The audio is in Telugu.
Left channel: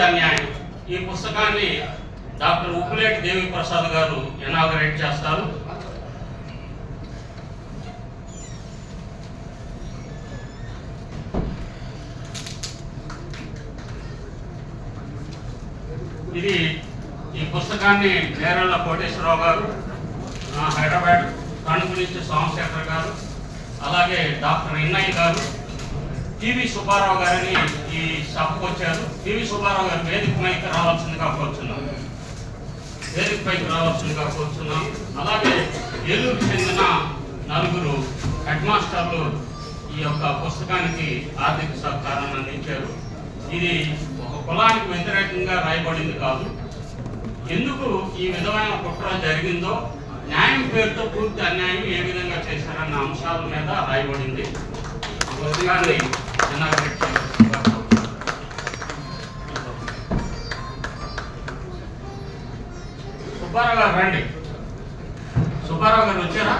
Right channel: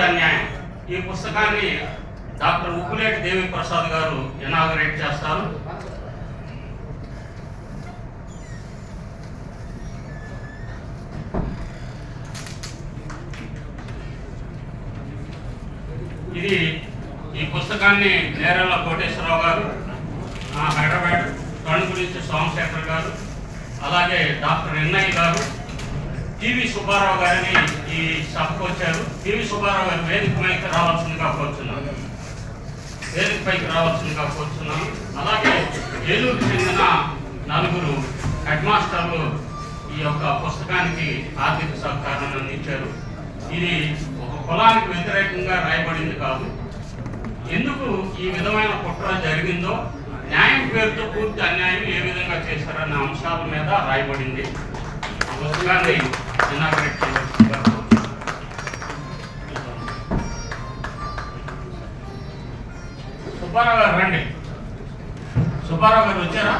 పూర్తి అన్యాయం. ఈ పుస్తకాన్ని డాక్టర్ ఉప్పులేటి దేవి ప్రసాద్ గారు ఇనాగరేట్ చేస్తారు. ఈ పుస్తకాన్ని నేరేళ్ల కోటేశ్వరరావు గారు, హైదరాబాద్ కణ్ గురించి సోమశేఖర్ గారు, అలాగే డాక్టర్ ఎన్ఐ గారు, టీవీ సుబ్బారావు గారిని ఈ సభకు వచ్చారు. టీవీ సుబ్బారావు గారు వేదిక పైకి రావాల్సిందిగా కోరుచున్నాను. అలాగే ఏలూరు చెందిన 4 హెడ్ మాస్టర్లు ఈ యొక్క పుస్తకానికి ఆర్థిక సహకారం అందించారు. ఇది ఒక కులానికి వ్యతిరేకంగా రాయబడింది కాదు. ఎందుకు ఈ విధమైన కుట్ర జరిగిందో, న్యాయం పేరుతో పూర్తి అన్యాయం ఏ విధంగా చేశారన్న అంశాల మీద రాయబడింది. పుస్తకాన్ని సుబ్బారావు గారు రండి. సుబ్బారావు గారు వచ్చారా?